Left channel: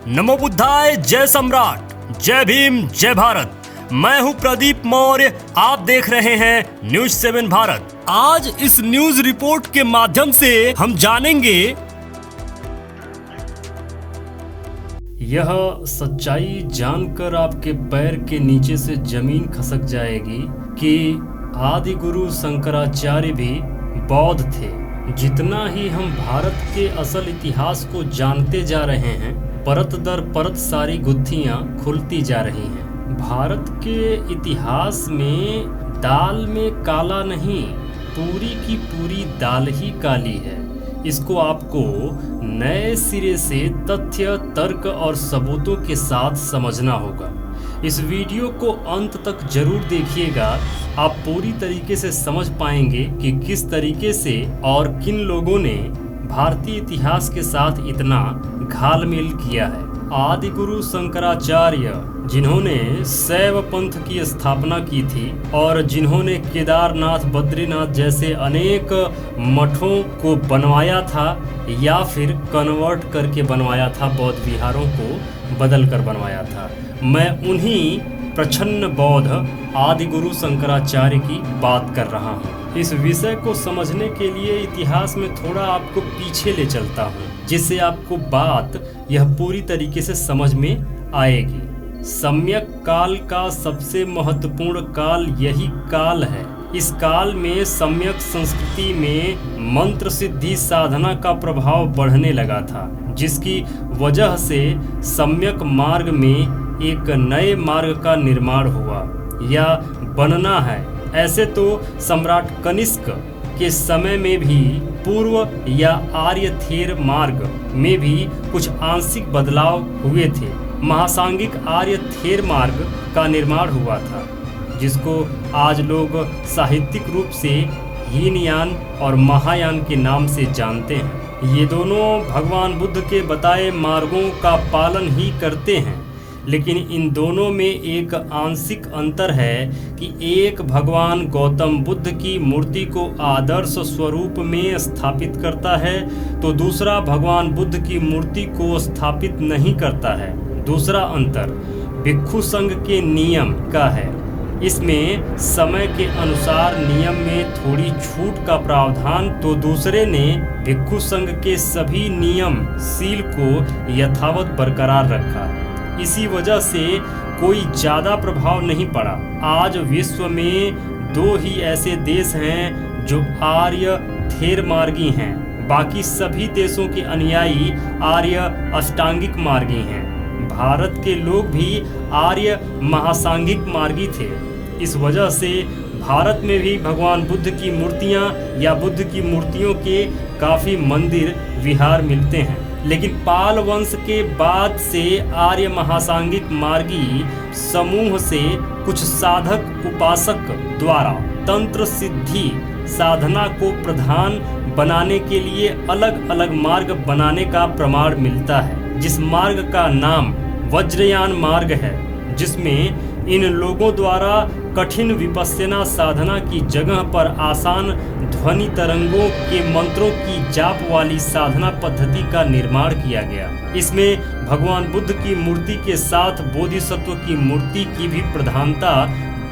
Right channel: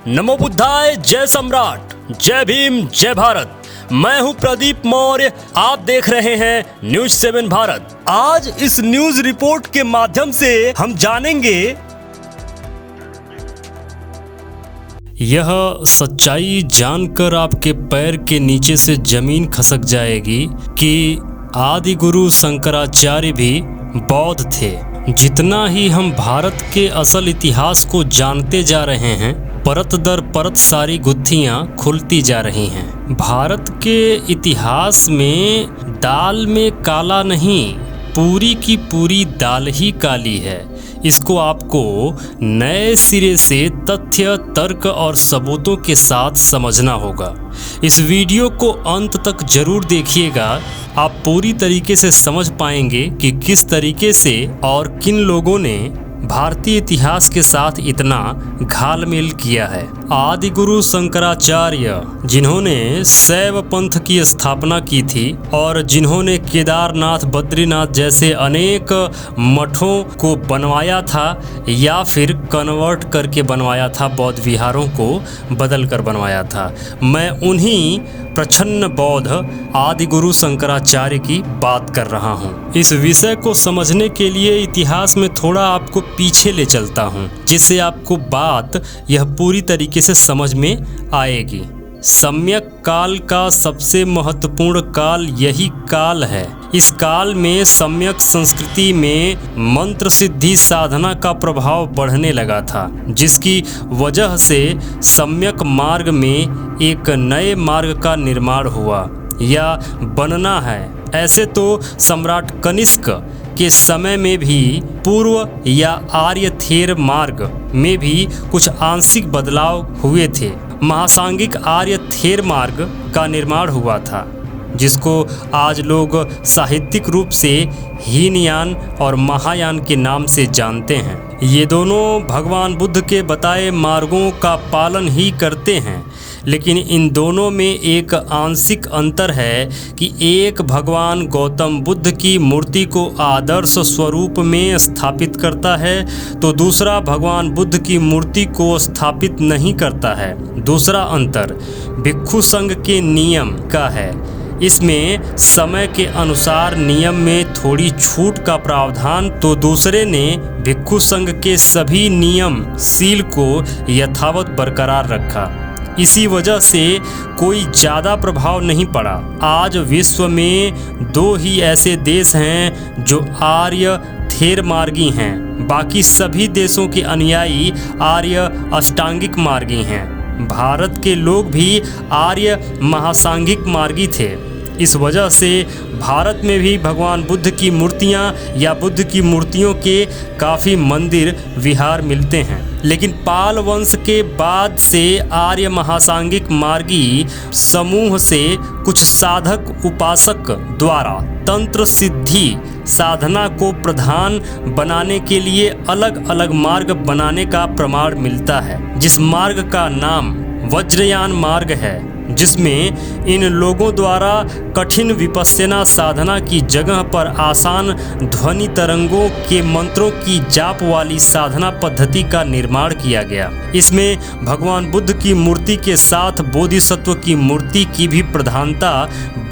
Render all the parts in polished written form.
नमो बुद्धाय, जय सम्राट, जय भीम, जय भारत। मैं हूं प्रदीप मौर्य, आप देख रहे हैं न्यूज 7 भारत। आज इस न्यूज रिपोर्ट के माध्यम से हम जानेंगे यह सच्चाई जानकर आपके पैर के नीचे से जमीन खसक जाएगी कि आदि गुरु शंकराचार्य भी बौद्ध थे। जितना ही हम भारत के असल इतिहास को जानते जा रहे हैं, परत दर परत सारी गुत्थियां खुलती जा रही हैं। भारत के इतिहास में दाल में काला नहीं, पूरी की पूरी दाल ही काली है। इसको आपको नए सिरे से तथ्य, तर्क और सबूतों के साथ समझना होगा। इस वीडियो को अंत तक जरूर देखिएगा, आप पूरी तरीके से समझ पाएंगे कि किस तरीके से और किन लोगों ने भारतीय इतिहास के साथ इतना घालमेल किया है। आदि गुरु शंकराचार्य, जिन्होंने शैव पंथ की स्थापना की थी और जिन्होंने केदारनाथ, बद्रीनाथ जैसे अनेक मठों को बनवाया था या फिर कन्वर्ट करके बनवाया था, बौद्ध विहारों को बदल कर बनवाया था, मैं उन्हीं प्रछन्न बौद्ध आदि गुरु शंकराचार्य की बात कर रहा हूँ। इस विषय को समझने के लिए इतिहास में थोड़ा आपको पीछे ले चलता हूँ, जिससे आपको बात यह पूरी तरीके से समझ में आएगी। सम्यक काल का सबसे महत्वपूर्ण काल यही काल है। इस काल में सम्यक संस्कृति में मंत्र सिद्धि साधना का प्रभाव बढ़ने लगा था, जिसकी वजह से सम्यक मार्ग में एक नए मार्ग का निर्माण हुआ या बनना है। ऐसे तो सम्राट कनिष्क के समय में भी पूर्व या आर्य थेर मार्ग में भी कुछ आंशिक बदलाव हुए थे। महासांगिक आर्य थेर मार्ग का निर्माण हुआ था, जिसको आज लोग साहित्यिक रूप से हीनयान और महायान के नाम से जानते हैं। ये दोनों भगवान बुद्ध के बताए मार्गों का पालन ही करते हैं, लेकिन इन दोनों में एक आंशिक अंतर है कि एक भगवान गौतम बुद्ध की मूर्ति को आदर्श स्वरूप में स्थापित करता है, तो दूसरा भगवान बुद्ध की मूर्ति को स्थापित नहीं करता है। दूसरा अंतर भिक्षु संघ के नियम का है। इसमें समय के अनुसार नियम में थोड़ी छूट का प्रावधान, तो दूसरे ने भिक्षु संघ के सभी नियम सील को यथावत बरकरार रखा। इसी वजह से कोई ज़्यादा प्रभाव नहीं पड़ा। आज विश्व में दो ही ऐसे देश हैं जो आर्य थेर मार्गी हैं, बाकी सभी देशों के अनुयायी आर्य अष्टांगिक मार्गी हैं। भारत के लोग भी आर्य महासांगिक मार्गी थे। इस वजह से भारत में भी भगवान बुद्ध की मूर्तियां या बुद्ध की मूर्तियों के काफ़ी मंदिर विहार मिलते हैं। लेकिन पाल वंश के बाद से आर्य महासांगिक मार्गी समूह से कुछ साधक उपासक द्वारा तंत्र सिद्धि साधना को प्रधान बनाने के लिए अलग अलग मार्ग बनाने का प्रमाण मिलता है, जिस मार्ग का नाम वज्रयान मार्ग है, जिसमें इन लोगों द्वारा कठिन विपश्यना साधना की जगह पर आसान ध्वनि तरंगों के मंत्रों की जाप वाली साधना पद्धति का निर्माण किया गया। इसमें भगवान बुद्ध की मूर्ति के साथ बोधिसत्व की मूर्ति की भी प्रधानता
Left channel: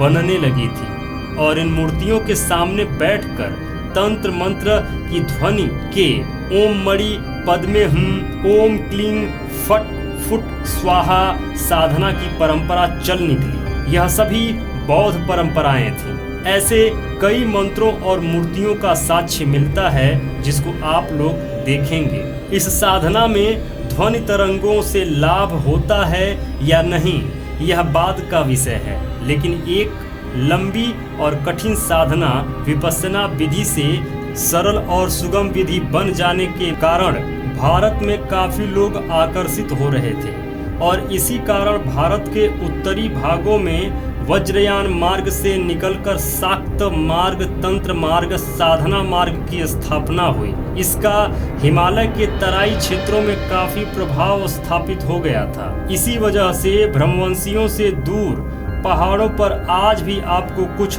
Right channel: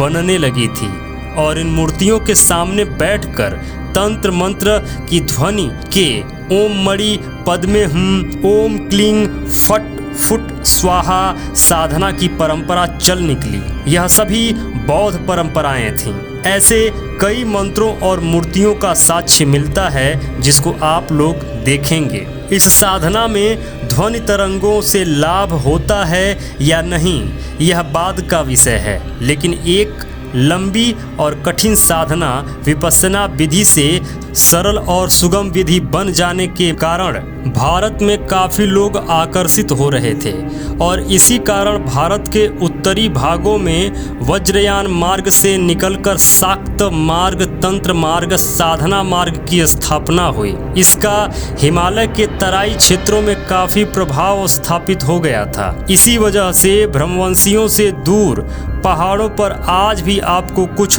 बनने लगी थी और इन मूर्तियों के सामने बैठकर तंत्र मंत्र की ध्वनि के ओम मणि पद्मे हूं, ओम क्लीं फट फुट स्वाहा साधना की परंपरा चल निकली। यह सभी बौद्ध परंपराएं थीं। ऐसे कई मंत्रों और मूर्तियों का साक्ष्य मिलता है, जिसको आप लोग देखेंगे। इस साधना में ध्वनि तरंगों से लाभ होता है या नहीं, यह बाद का विषय है, लेकिन एक लंबी और कठिन साधना विपश्यना विधि से सरल और सुगम विधि बन जाने के कारण भारत में काफ़ी लोग आकर्षित हो रहे थे और इसी कारण भारत के उत्तरी भागों में वज्रयान मार्ग से निकलकर शाक्त मार्ग, तंत्र मार्ग, साधना मार्ग की स्थापना हुई। इसका हिमालय के तराई क्षेत्रों में काफ़ी प्रभाव स्थापित हो गया था। इसी वजह से ब्रह्मवंशियों से दूर पहाड़ों पर आज भी आपको कुछ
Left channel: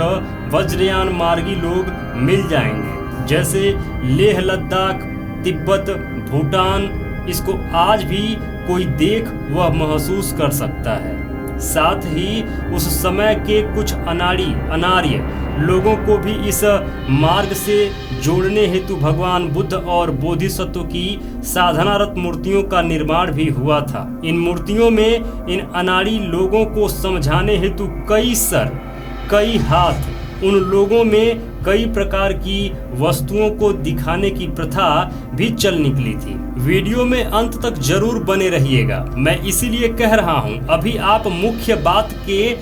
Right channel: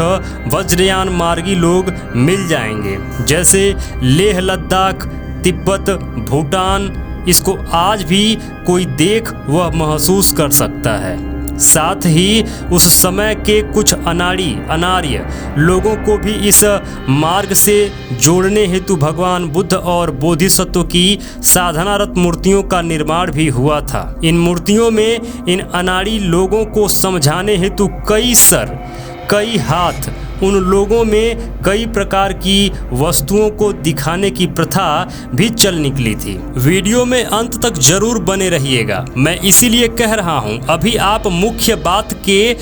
वज्रयान मार्गी लोग मिल जाएंगे, जैसे लेह लद्दाख, तिब्बत, भूटान इसको आज भी कोई देख वह महसूस कर सकता है। साथ ही उस समय के कुछ अनार्य लोगों को भी इस मार्ग से जोड़ने हेतु भगवान बुद्ध और बोधिसत्व की साधनारत मूर्तियों का निर्माण भी हुआ था। इन मूर्तियों में इन अनाड़ी लोगों को समझाने हेतु कई सर, कई हाथ, उन लोगों में कई प्रकार की वस्तुओं को दिखाने की प्रथा भी चल निकली थी। वीडियो में अंत तक जरूर बने रहिएगा। मैं इसीलिए कह रहा हूं, अभी आप मुख्य बात के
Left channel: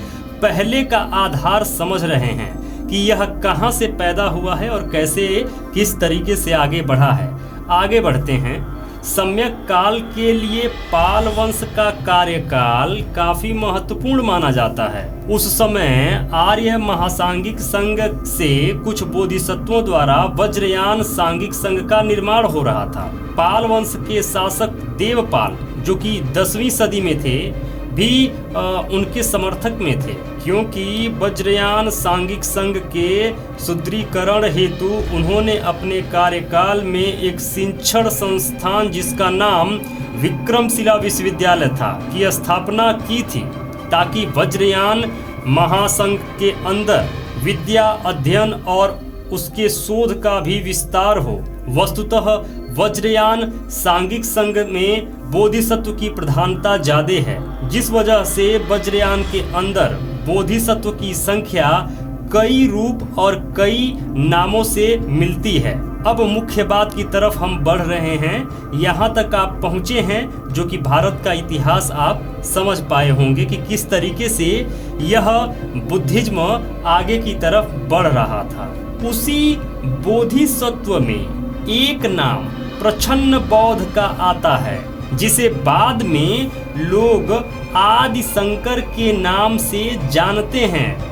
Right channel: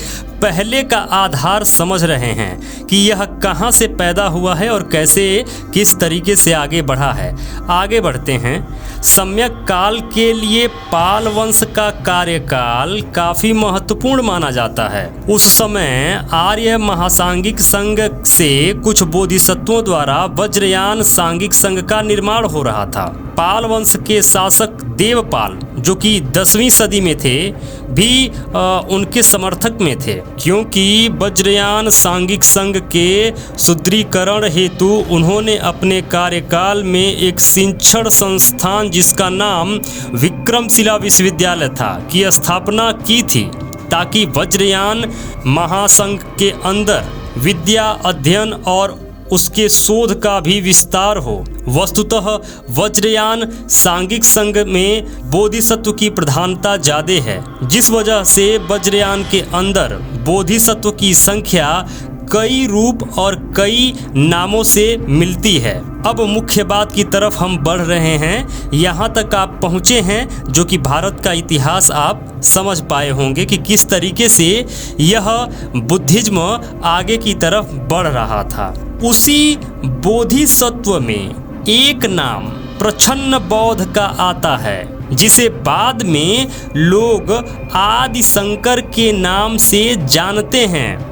पहले का आधार समझ रहे हैं कि यह कहां से पैदा हुआ है और कैसे किस तरीके से आगे बढ़ा है। आगे बढ़ते हैं। सम्यक काल के लिए पाल वंश का कार्यकाल काफी महत्वपूर्ण माना जाता है। उस समय आर्य महासांगिक संघ से कुछ बोधिसत्वों द्वारा वज्रयान सांघिक संघ का निर्माण हो रहा था। पाल वंश के शासक देवपाल, जो कि 10वीं सदी में थे, भी उनके समर्थक में थे, क्योंकि वज्रयान सांघिक संघ के सुदृढ़ीकरण हेतु उन्होंने अपने कार्यकाल में एक शिक्षण संस्थान जिसका नाम विक्रमशिला विश्वविद्यालय था की स्थापना की थी, ताकि वज्रयान महासंघ के अंदर विद्या अध्ययन और उसके शोध का भी विस्तार हो। वस्तुतः वज्रयान सांघिक संघ में बोधिसत्व की प्रधानता ज्यादा है, जिस वजह से वज्रयान के अंदर बोधिसत्व की संख्या कई रूप और कई नामों से मिलती है। अब मुख्य बात की तरफ हम बढ़ रहे हैं। यहाँ तक आप पहुँचे हैं जो कि भारत का इतिहास आप समझ पाए होंगे कि किस तरीके से यह बुद्धिज्म आगे की तरफ बढ़ रहा था। उसी बोधिसत्व में एक नाम प्रच्छन्न बौद्ध का आता है, जिसे बाद में लोग आदि शंकर के नाम से जानते हैं।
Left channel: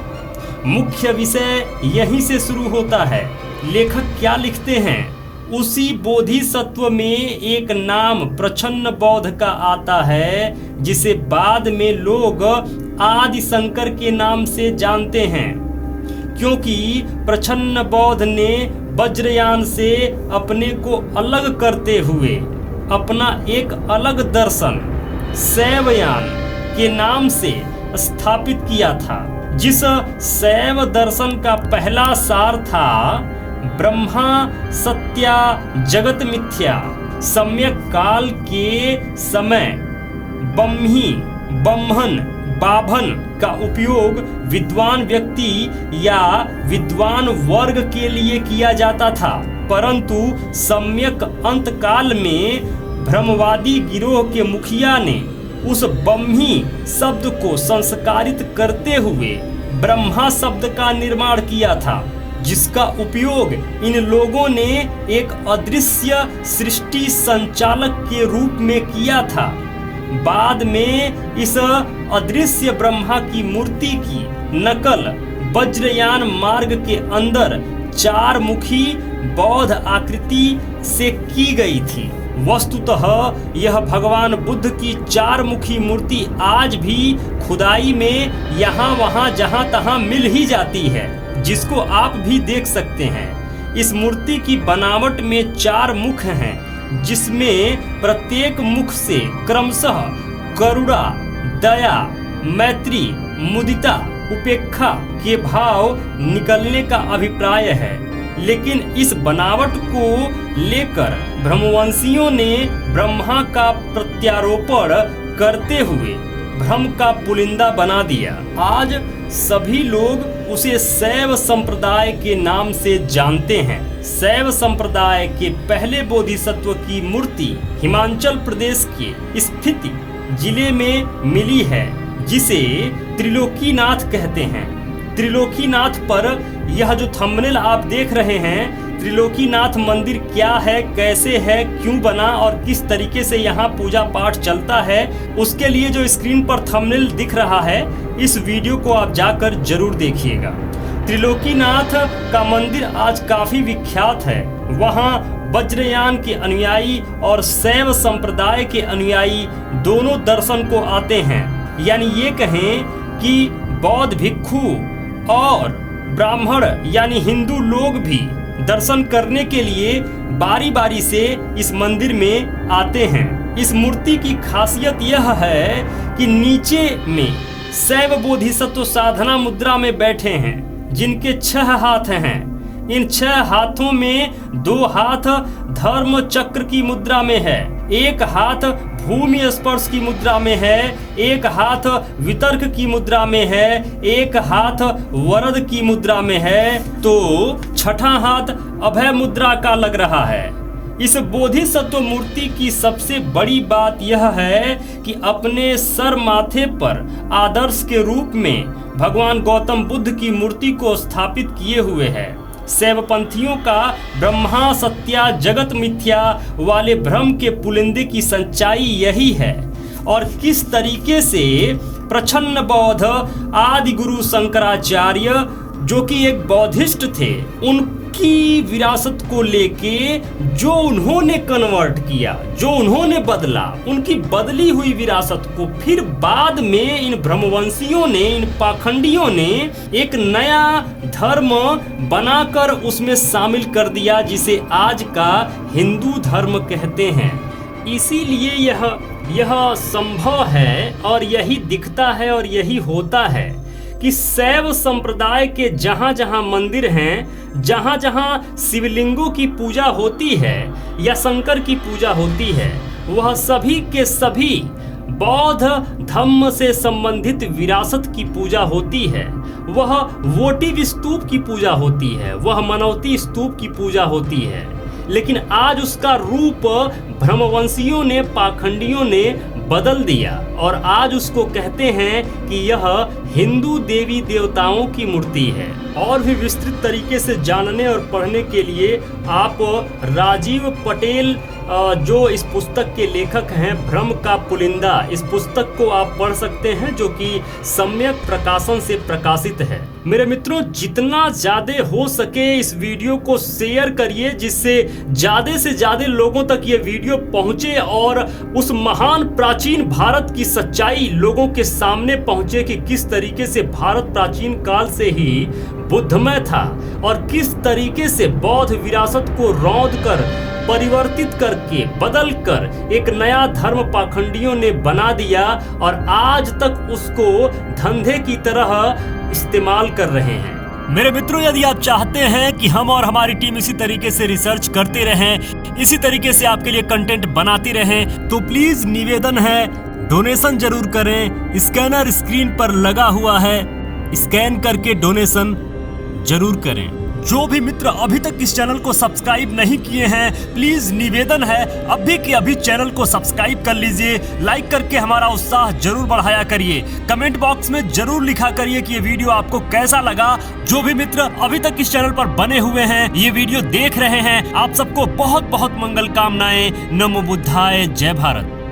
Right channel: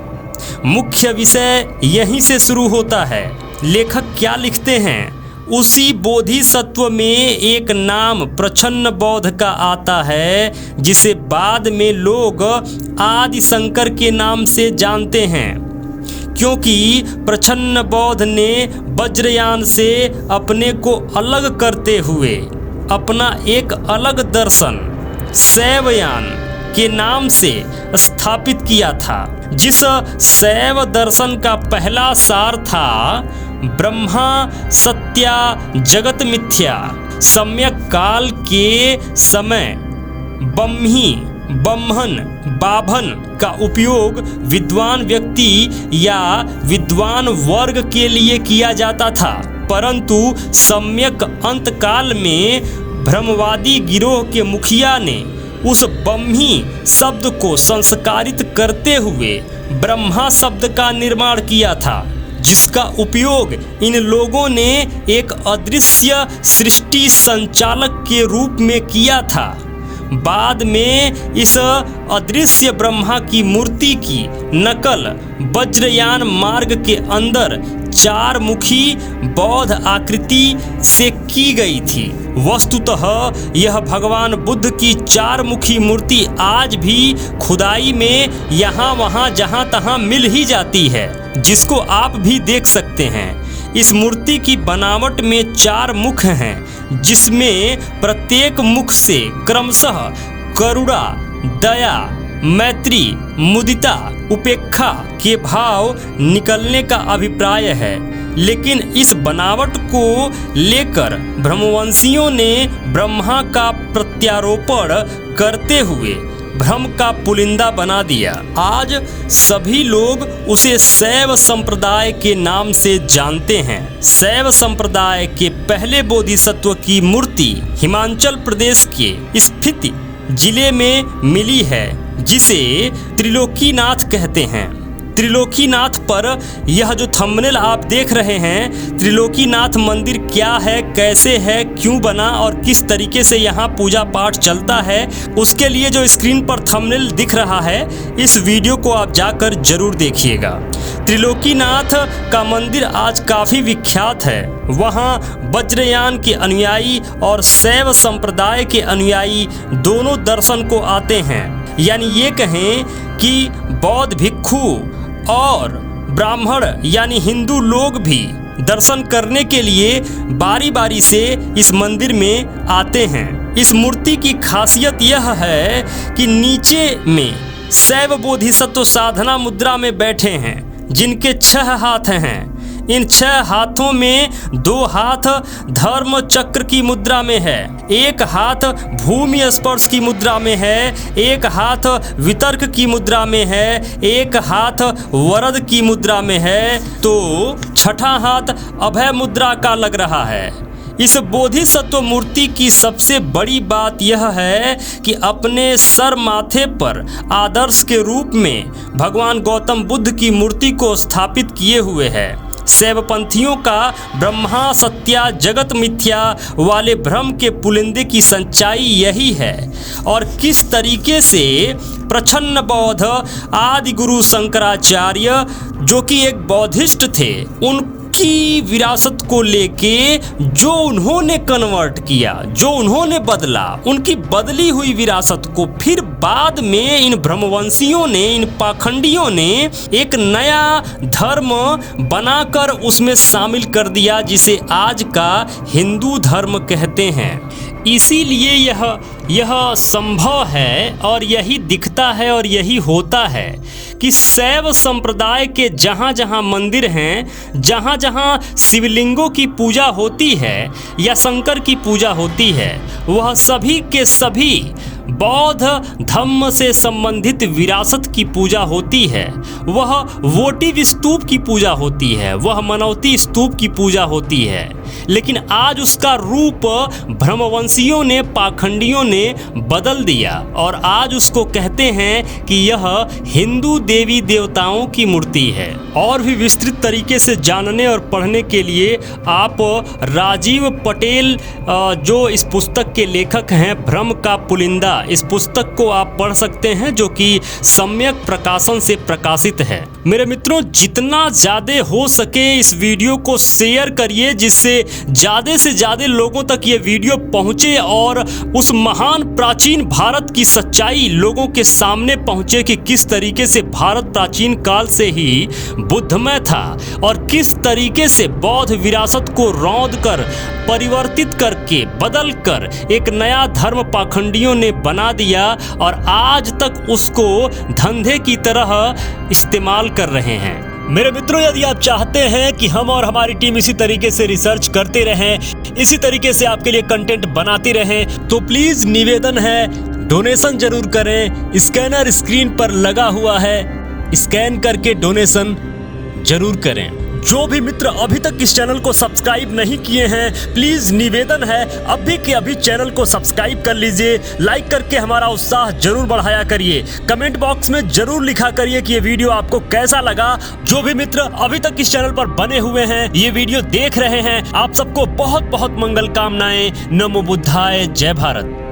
मुख्य विषय यहीं से शुरू होता है। लेखक क्या लिखते हैं? उसी बोधिसत्व में एक नाम प्रच्छन्न बौद्ध का आता है, जिसे बाद में लोग आदि शंकर के नाम से जानते हैं, क्योंकि प्रच्छन्न बौद्ध ने वज्रयान से अपने को अलग करते हुए अपना एक अलग दर्शन शैवयान के नाम से स्थापित किया था, जिस शैव दर्शन का पहला सार था ब्रह्मा सत्या जगत मिथ्या। सम्यक काल के समय ब्रह्मी ब्रह्मन बाभन का उपयोग विद्वान व्यक्ति या विद्वान वर्ग के लिए किया जाता था, परंतु सम्यक अंत काल में ब्रह्मवादी गिरोह के मुखिया ने उस ब्रह्मी शब्द को संस्कारित करते हुए ब्रह्मा शब्द का निर्माण किया था, जिसका उपयोग इन लोगों ने एक अदृश्य सृष्टि संचालक के रूप में किया था। बाद में इस अदृश्य ब्रह्मा की मूर्ति की नकल वज्रयान मार्ग के अंदर 4 मुखी बौद्ध आकृति से की गई थी। वस्तुतः यह भगवान बुद्ध की 4 मुखी मूर्ति आज भी खुदाई में यहाँ वहाँ जहाँ तहाँ मिल ही जाती है, जिसको आप भी देख सकते हैं। इस मूर्ति की बनावट में 4 मुख हैं, जिसमें प्रत्येक मुख से क्रमशः करुणा, दया, मैत्री, मुदिता, उपेक्षा के भाव निकलने का अभिप्राय है। लेकिन इस बनावट को लेकर ब्रह्मवंशियों ने ब्रह्मा का प्रत्यारोपण करते हुए भ्रम का पुलिंदा बना दिया। आज सभी लोग उसे शैव संप्रदाय के नाम से जानते हैं। शैव संप्रदाय के पहले बोधिसत्व की मूर्ति हिमाचल प्रदेश के स्फीति जिले में मिली है, जिसे त्रिलोकीनाथ कहते हैं। त्रिलोकीनाथ पर यह जो थंबनेल आप देख रहे हैं, त्रिलोकीनाथ मंदिर क्या है, कैसे है, क्यों बना और किस तरीके से यहाँ पूजा पाठ चलता है, उसके लिए जो स्क्रीन पर थंबनेल दिख रहा है, इस वीडियो को आप जाकर जरूर देखिएगा। त्रिलोकीनाथ का मंदिर आज काफ़ी विख्यात है। वहाँ वज्रयान के अनुयायी और शैव संप्रदाय के अनुयायी दोनों दर्शन को आते हैं। यानी ये कहें कि बौद्ध भिक्षु और ब्राह्मण यानी हिंदू लोग भी दर्शन करने के लिए बारी बारी से इस मंदिर में आते हैं। इस मूर्ति की खासियत यह है कि नीचे में शैव बोधिसत्व साधना मुद्रा में बैठे हैं, जिनके 6 हाथ हैं। इन 6 हाथों में 2 हाथ धर्म चक्र की मुद्रा में है, 1 हाथ भूमि स्पर्श की मुद्रा में है, 1 हाथ वितर्क की मुद्रा में है, 1 हाथ वरद की मुद्रा में है, तो 6ठा हाथ अभय मुद्रा का लग रहा है। इस बोधिसत्व मूर्ति की सबसे बड़ी बात यह है कि अपने सर माथे पर आदर्श के रूप में भगवान गौतम बुद्ध की मूर्ति को स्थापित किए हुए है। शैवपंथियों का ब्रह्मा सत्या जगत मिथ्या वाले भ्रम के पुलिंदे की सच्चाई यही है। और किस तरीके से प्रछन्न बौद्ध आदि गुरु शंकराचार्य, जो कि एक बौद्धिस्ट थे, उनकी विरासत को लेके जो उन्होंने कन्वर्ट किया, जो उन्होंने बदला, उनकी बदली हुई विरासत को फिर बाद में इन ब्रह्मवंशियों ने, इन पाखंडियों ने एक नया धर्म बनाकर उसमें शामिल कर दिया, जिसे आज का हिंदू धर्म कहते हैं। इसीलिए यह संभव है और यही दिखता है और यही होता है कि शैव संप्रदाय के जहाँ जहाँ मंदिर हैं, जहाँ जहाँ शिवलिंगों की पूजा होती है या शंकर की पूजा होती है, वह सभी के सभी बौद्ध धम्म से संबंधित विरासत की पूजा होती है। वह वोटिव स्तूप की पूजा होती है, वह मनौती स्तूप की पूजा होती है। लेकिन आज उसका रूप ब्रह्मवंशियों ने, पाखंडियों ने बदल दिया और आज उसको कहते हैं कि यह हिंदू देवी देवताओं की मूर्ति है। और भी विस्तृत तरीके से जानने और पढ़ने के लिए आप राजीव पटेल, जो इस पुस्तक के लेखक हैं, भ्रम का पुलिंदा, इस पुस्तक को आप पढ़ सकते हैं, जो कि सम्यक प्रकाशन से प्रकाशित है। मेरे मित्रों, जितना ज़्यादा हो सके इस वीडियो को शेयर करिए, जिससे ज़्यादा से ज़्यादा लोगों तक ये वीडियो पहुँचे और उस महान प्राचीन भारत की सच्चाई लोगों के सामने पहुँचे कि किस तरीके से भारत प्राचीन काल से ही बुद्धमय था और किस तरीके से बौद्ध विरासत को रौंद कर, परिवर्तित करके, बदल कर एक नया धर्म पाखंडियों ने बना दिया और आज तक उसको धंधे की तरह इस्तेमाल कर रहे हैं। मेरे मित्रों, यदि आप चाहते हैं कि हम और हमारी टीम इसी तरीके से रिसर्च करते रहें, इसी तरीके से आपके लिए कंटेंट बनाती रहें, तो प्लीज निवेदन है, डोनेशन जरूर करें। स्कैनर स्क्रीन पर लगा हुआ है, स्कैन करके डोनेशन जरूर करें। जो भी मित्र अभी तक इस चैनल को सब्सक्राइब नहीं किए हैं, प्लीज निवेदन है अभी के अभी चैनल को सब्सक्राइब कर लीजिए। लाइक करके हमारा उत्साह जरूर बढ़ाया करिए। कमेंट बॉक्स में जरूर लिखा करिए कि ये वीडियो आपको कैसा लगा। जो भी मित्र अभी तक इस चैनल पर बने हुए हैं, ये वीडियो देख रहे हैं, आप सबको बहुत बहुत मंगल कामनाएं। नमो बुद्धाय, जय भारत।